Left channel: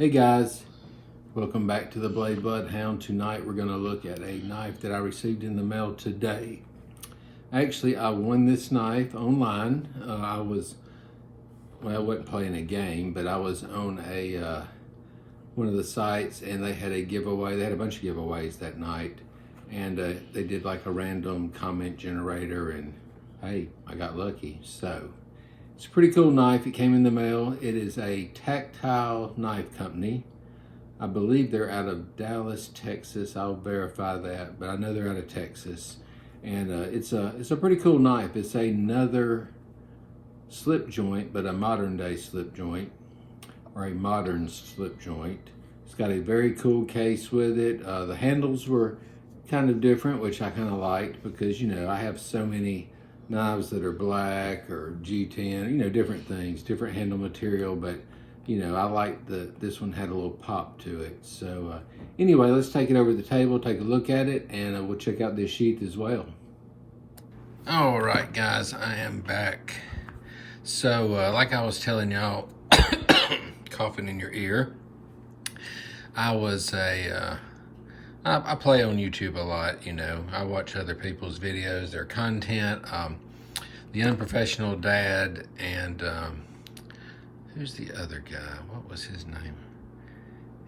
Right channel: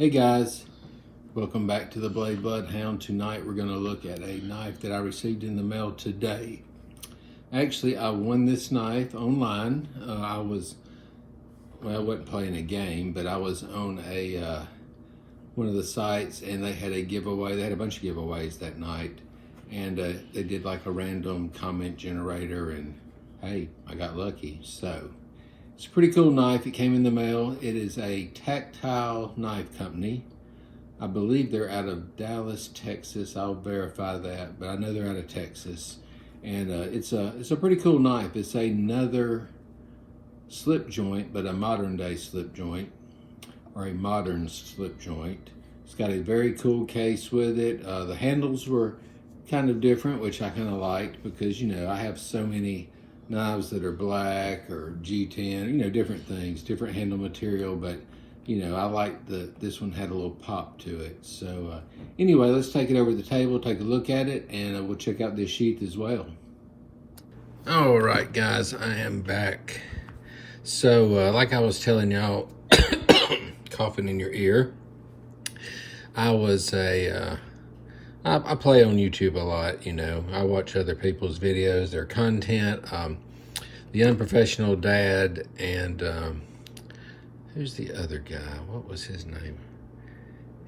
Hey guys, welcome back to the Blade Bloodhound. Tonight we're going to look at a knife that I received in the mail today. Actually, I won this knife online. I wasn't playing a game, but I was on one of the sites and they had a giveaway. They had a bunch of giveaways that night, and they did like a random comment generator, and hey, I got lucky. So it's a pretty cool knife. It came in the mail. It is a Tactile Knife Company. I believe they're out of Dallas, Texas. I'll verify that, but I know they're out of Texas. And it's a pretty cool knife. It's another slip joint, but a modern day slip joint, or a modern slip joint. It's got a very cool case with it. The handles were kind of different, which I kind of liked, because, you know, I have so many knives that are black or G10, you know, different things, different handle material, but you know, I like this one had a little pop to it. So anyway, let's take it over to the table, take a look at it, and we'll check out this sheath as well. All right, guys, I am back. So like I was telling y'all, coughing in your ear, I play on YouTube a lot, you know. I watch other people's videos, their content, The Unprofessional Dad, and who's the other guy? What was his name?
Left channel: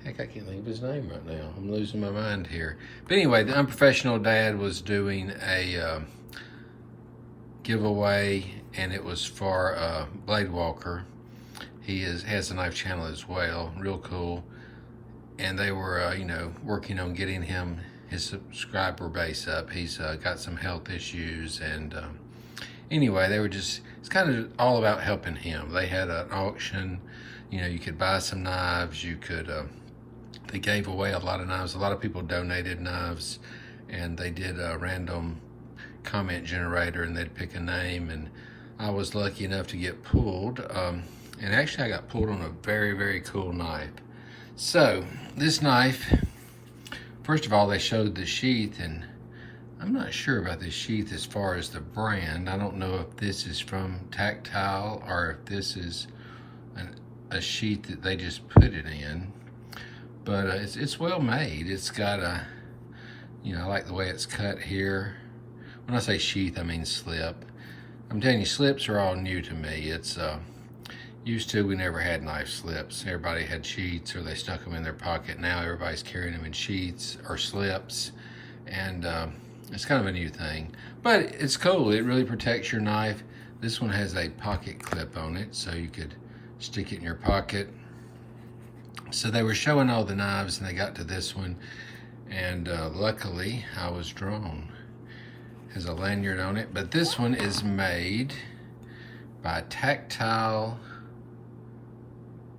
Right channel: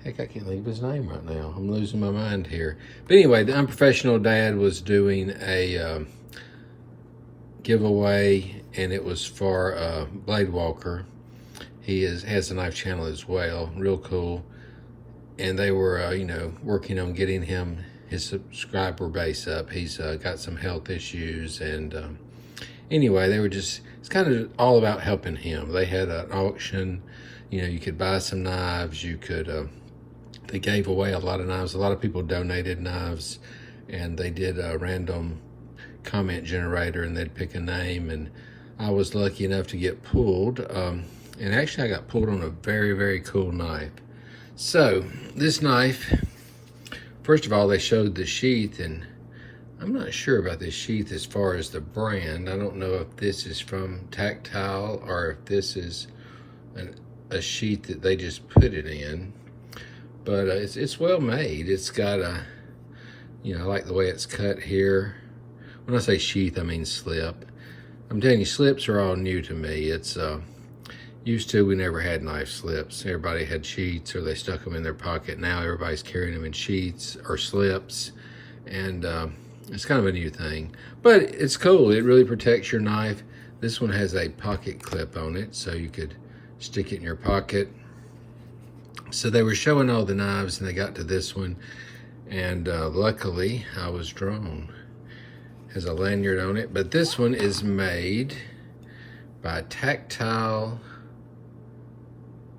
Heck, I can't think of his name right now. I'm losing my mind here. But anyway, The Unprofessional Dad was doing a giveaway, and it was for Blade Walker. He has a knife channel as well, real cool. And they were, you know, working on getting him his subscriber base up. He's got some health issues, and anyway, they were just, it's kind of all about helping him. They had an auction, you know, you could buy some knives, you could, they gave away a lot of knives. A lot of people donated knives, and they did a random comment generator, and they'd pick a name, and I was lucky enough to get pulled. And actually I got pulled on a very, very cool knife. So this knife, first of all, they showed the sheath, and I'm not sure about this sheath as far as the brand. I don't know if this is from Tactile or if this is a sheath that they just put it in. But it's well made. It's got a, you know, I like the way it's cut here. When I say sheath, I mean slip. I'm telling you, slips are all new to me. It's used to, we never had knife slips. Everybody had sheaths, or they stuck them in their pocket. Now everybody's carrying them in sheaths or slips, and it's kind of a new thing, but it's cool. It really protects your knife. This one has a pocket clip on it, so you could stick it in your pocket. So they were showing all the knives, and they got to this one, and luckily I was drawn. It has a lanyard on it, but this one is made by Tactile.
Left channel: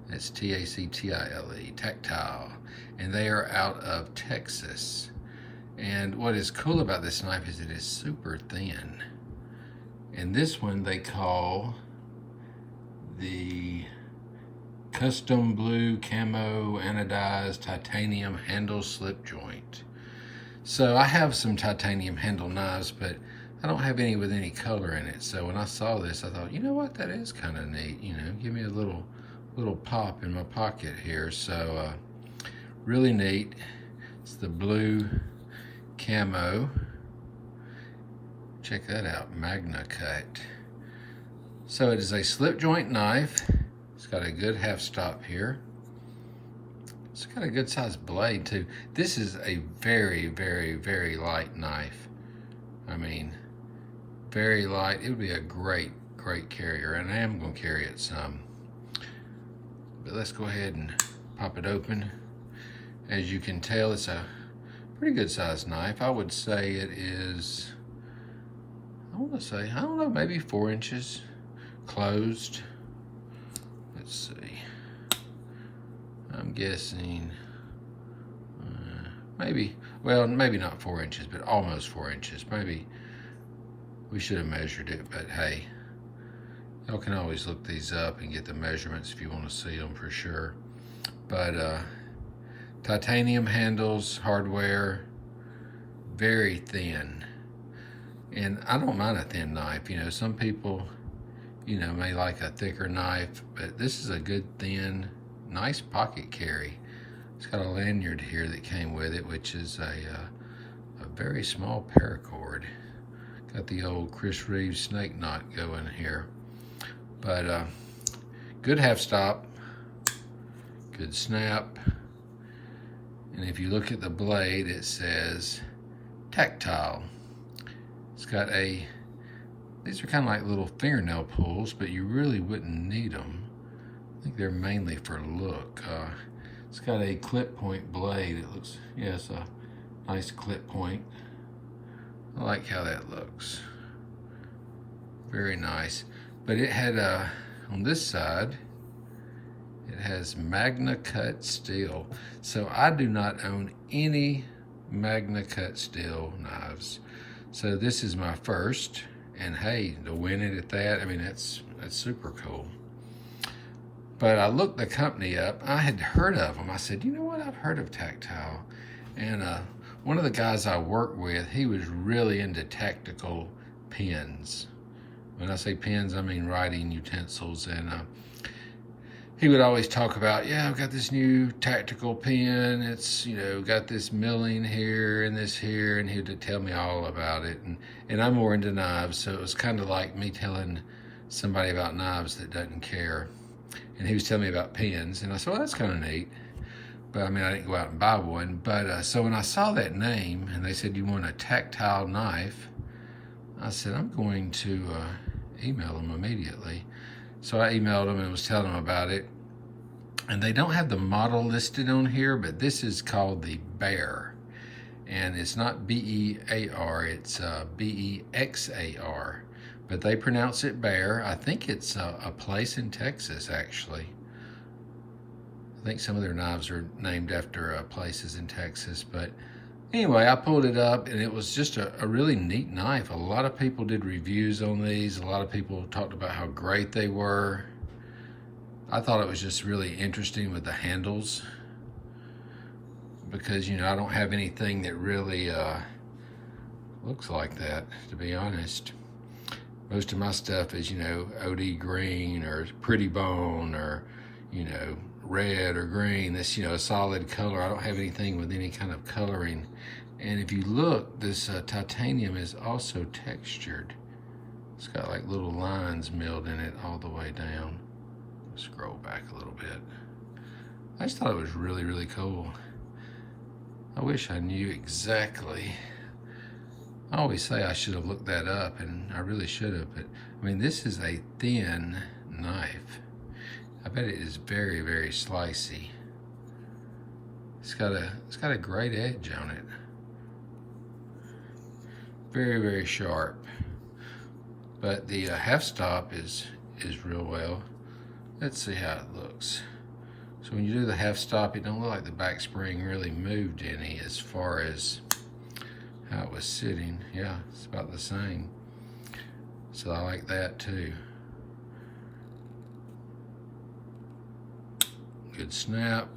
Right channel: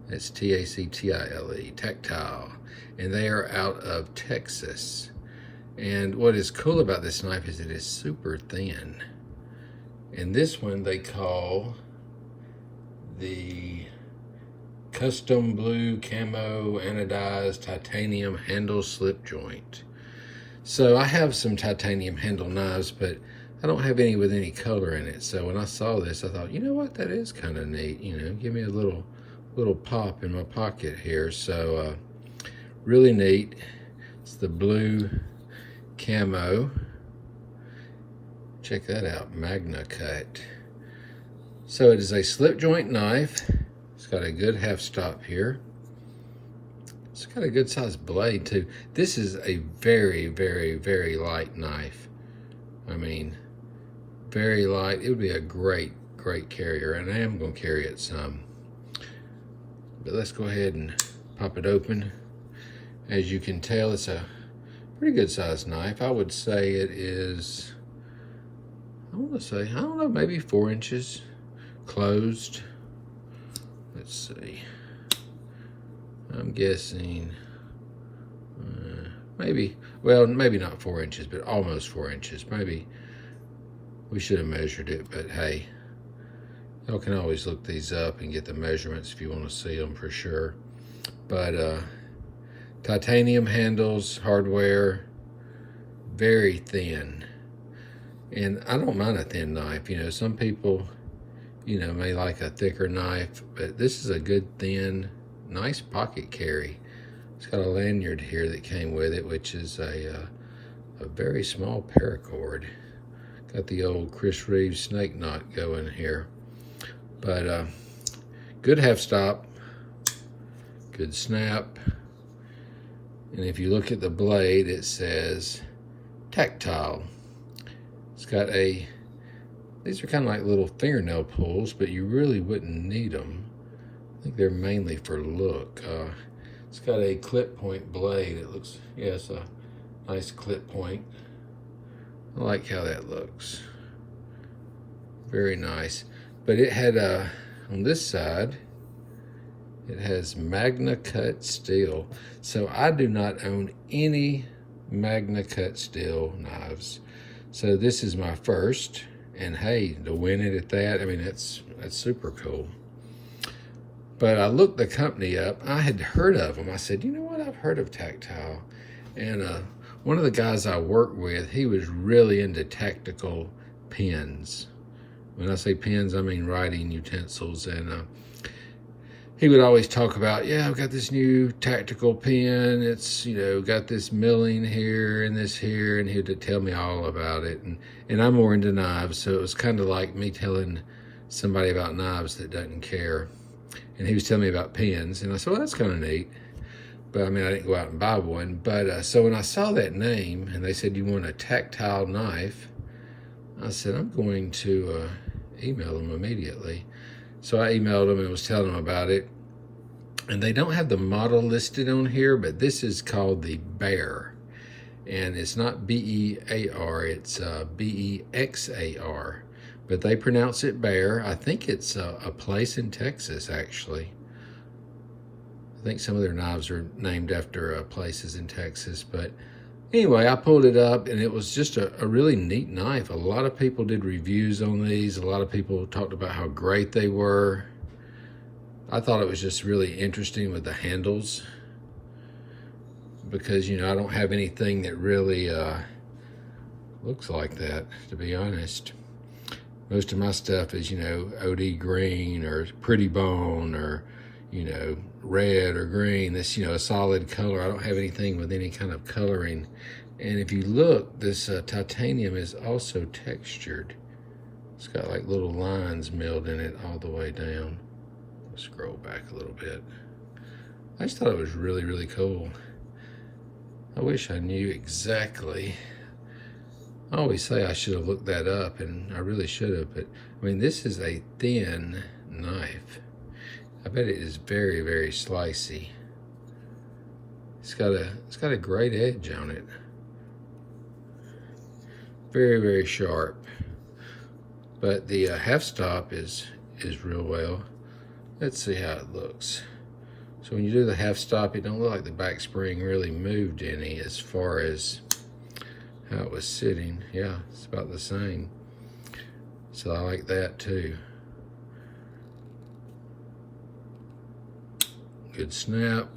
It's T-A-C-T-I-L-E, Tactile, and they are out of Texas. And what is cool about this knife is it is super thin. And this one they call the Custom Blue Camo Anodized Titanium Handle Slip Joint. So I have some titanium handle knives, but I don't have any with any color in it. So when I saw this, I thought, you know what, that is kind of neat. You know, give me a little pop in my pocket here. So really neat. It's the blue camo. Check that out, Magnacut. So it is a slip joint knife. It's got a good half stop here. It's got a good sized blade too. This is a very, very, very light knife. I mean, very light. It would be a great carrier, and I am going to carry it some. But let's go ahead and pop it open. As you can tell, it's a pretty good sized knife. I would say it is, I don't know, maybe 4 inches closed. Let's see. I'm guessing maybe not 4 inches, but almost 4 inches. Maybe we should have measured it, but hey, y'all can always look these up and get the measurements if you want to see them for sure. But titanium handles, hardware, very thin. And I don't mind a thin knife. You know, some people, you know, may like a thicker knife, but this is a good thin nice pocket carry. It's got a lanyard here that came with it, which is a very small paracord. Got the old Chris Reeves snake knot going here. But good half stop, good snap. And if you look at the blade, it says Tactile. It's got these are kind of like little fingernail pulls, but you really wouldn't need them. I think they're mainly for look. It's got a clip point blade. It looks, yeah, it's a nice clip point. I like how that looks. Very nice. But it had, on this side, it has Magnacut steel. So I do not own any Magnacut steel knives. So this is my first. And hey, to win it at that, I mean, that's super cool. But I looked the company up. I had heard of them. I said, you know what? I've heard of Tactile. And one of the guys I work with, he was really into tactical pens. When I say pens, I mean writing utensils. And he would always talk about, yeah, I've got this new tactical pen. It's, you know, got this milling here and this here. And he would tell me all about it. And I'm more into knives. So it was kind of like me telling somebody about knives that doesn't care. And he was telling me about pens. And I said, well, that's kind of neat. But I mean, I didn't go out and buy one. But so when I saw that name and they said, you want a tactile knife, I said, I'm going to email them immediately. So I emailed them and was telling them about it. And they don't have the model listed on here, but this is called the Bear. And it's not B-E-A-R, it's B-E-X-A-R. But they pronounce it Bear. I think it's a place in Texas, actually. I think some of their knives are named after places in Texas. But anyway, I pulled it up, and it was just a really neat knife. A lot of people did reviews on these. A lot of people talked about how great they were. I thought it was just really interesting with the handles. Because, you know, I don't have anything that really looks like that, to be honest. Most of my stuff is, you know, OD green or pretty bone or, you know, red or green. This, you know, a solid color. I don't have anything with any kind of coloring. And if you look, this titanium is also textured. It's got like little lines milled in it all the way down. Scroll back a little bit. I just thought it was really, really cool. I wish I knew exactly. I always say I should have looked that up, and I really should have, but I mean, this is a thin knife. I bet it is very, very slicey. It's got a great edge on it. Very, very sharp. But the half stop is real well. Let's see how it looks. So when you do the half stop, it don't look like the back spring really moved any as far as how it was sitting. Yeah, it's about the same. So I like that too. Good snap.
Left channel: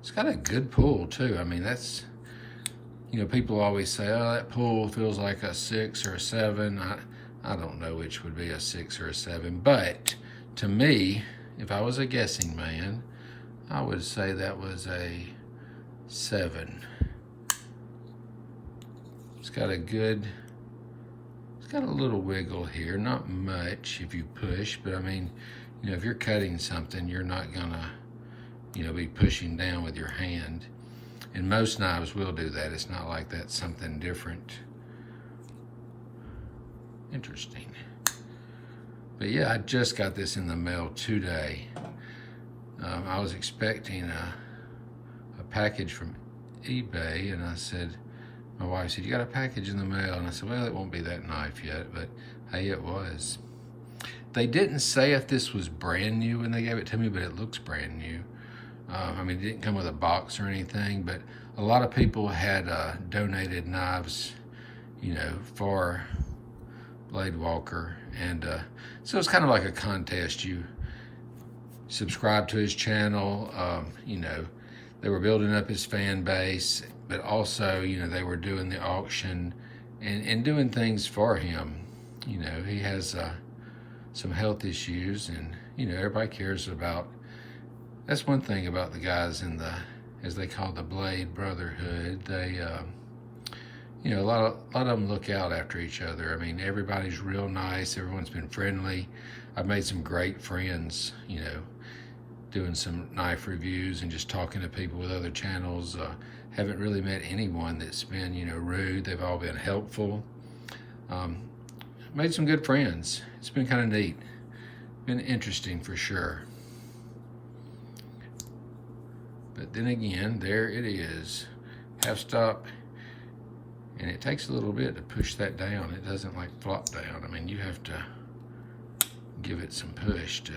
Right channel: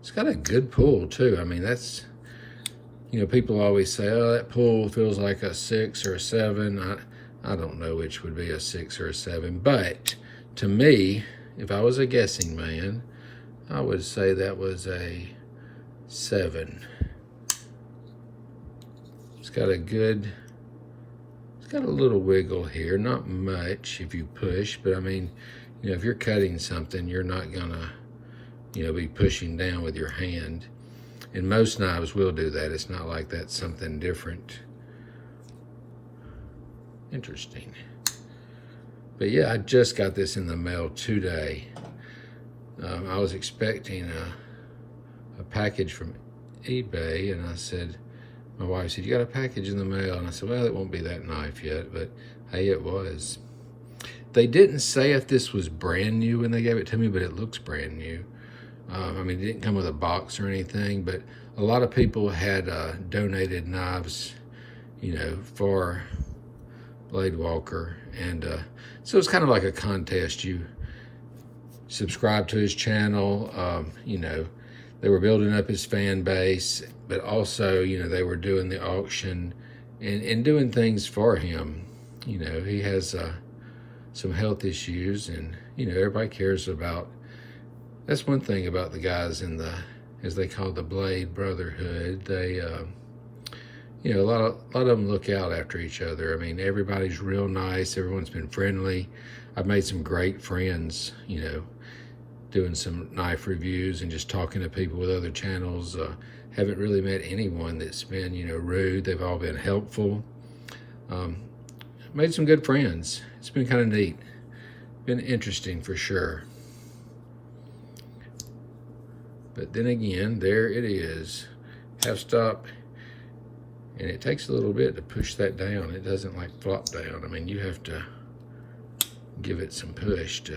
It's got a good pull too. I mean, that's, you know, people always say, oh, that pull feels like a 6 or a 7. I don't know which would be a 6 or a 7, but to me, if I was a guessing man, I would say that was a 7. It's got a little wiggle here, not much if you push, but I mean, you know, if you're cutting something, you're not gonna, you know, be pushing down with your hand. And most knives will do that. It's not like that's something different. Interesting. But yeah, I just got this in the mail today. I was expecting a package from eBay, and I said, my wife said, you got a package in the mail? And I said, well, it won't be that knife yet, but hey, it was. They didn't say if this was brand new when they gave it to me, but it looks brand new. I mean, it didn't come with a box or anything, but a lot of people had donated knives, you know, for Blade Walker. And so it's kind of like a contest. You subscribe to his channel, you know, they were building up his fan base, but also, you know, they were doing the auction and doing things for him. You know, he has some health issues, and, you know, everybody cares about, That's one thing about the guys in the, as they call the Blade Brotherhood. They, you know, a lot of them look out after each other. I mean, everybody's real nice. Everyone's been friendly. I've made some great friends, you know, doing some knife reviews and just talking to people with other channels. Haven't really met anyone that's been, you know, rude. They've all been helpful. Made some good friends. It's been kind of neat. Been interesting for sure. But then again, there it is. Half stop. And it takes a little bit to push that down. It doesn't like flop down. I mean, you have to give it some push to,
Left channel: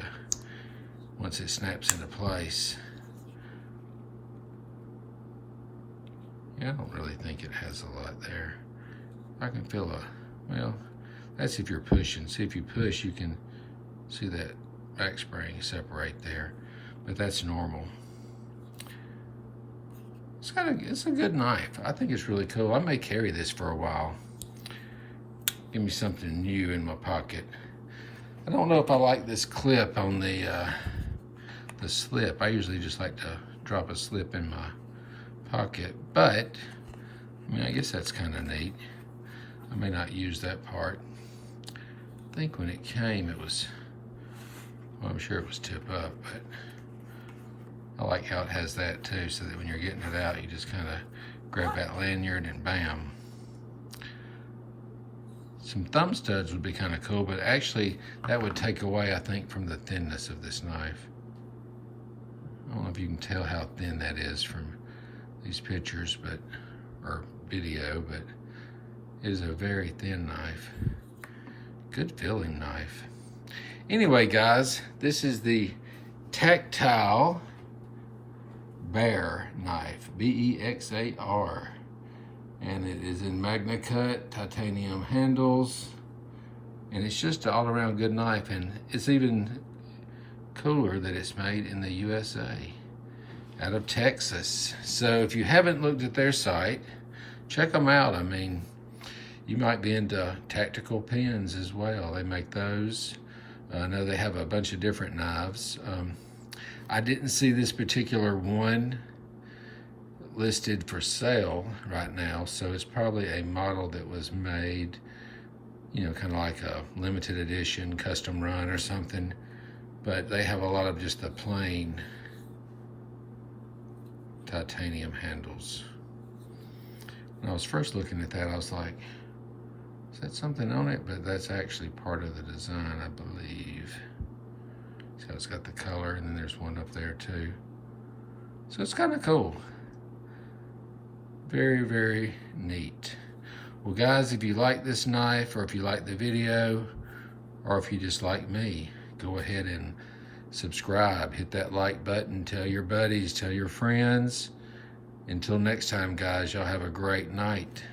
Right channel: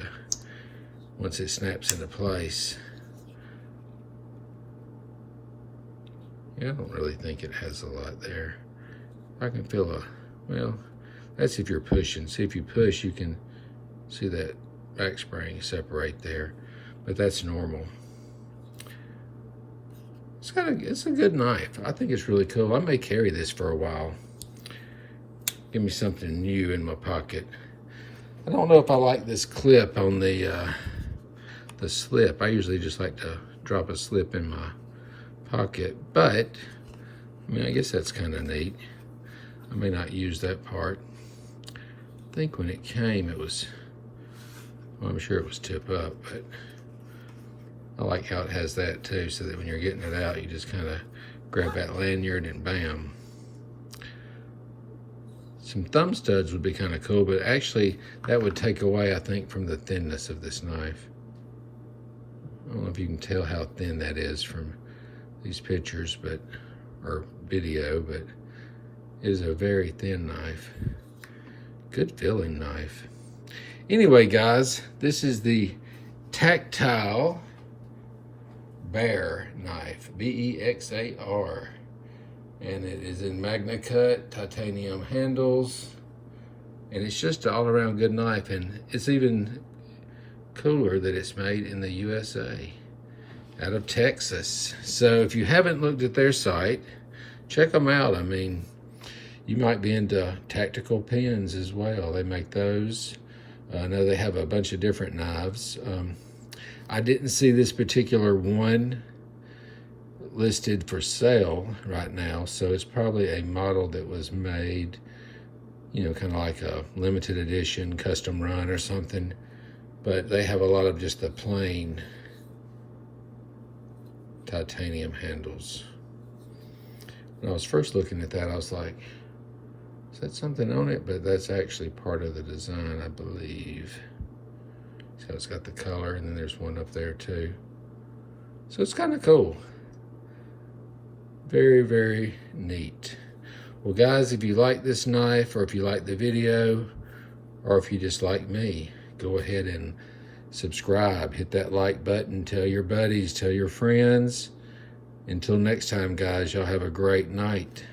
once it snaps into place. Yeah, I don't really think it has a lot there. I can feel a, well, that's if you're pushing. See, if you push, you can see that back spring separate there, but that's normal. It's a good knife. I think it's really cool. I may carry this for a while. Give me something new in my pocket. I don't know if I like this clip on the slip. I usually just like to drop a slip in my pocket, but I mean, I guess that's kind of neat. I may not use that part. I think when it came, it was, well, I'm sure it was tip up, but I like how it has that too, so that when you're getting it out, you just kind of grab that lanyard and bam. Some thumb studs would be kind of cool, but actually that would take away, I think, from the thinness of this knife. I don't know if you can tell how thin that is from these pictures, but, or video, but it is a very thin knife. Good feeling knife. Anyway, guys, this is the Tactile Bexar knife, B-E-X-A-R, and it is in Magnacut, titanium handles, and it's just an all-around good knife, and it's even cooler that it's made in the USA, out of Texas. So if you haven't looked at their site, check them out. I mean, you might be into tactical pens as well. They make those. I know they have a bunch of different knives. I didn't see this particular one listed for sale right now, so it's probably a model that was made, you know, kind of like a limited edition, custom run or something. But they have a lot of just the plain titanium handles. When I was first looking at that, I was like, is that something on it? But that's actually part of the design, I believe. So it's got the color, and then there's one up there too. So it's kind of cool. Very, very neat. Well, guys, if you like this knife, or if you like the video, or if you just like me, go ahead and subscribe. Hit that like button. Tell your buddies, tell your friends. Until next time, guys, y'all have a great night.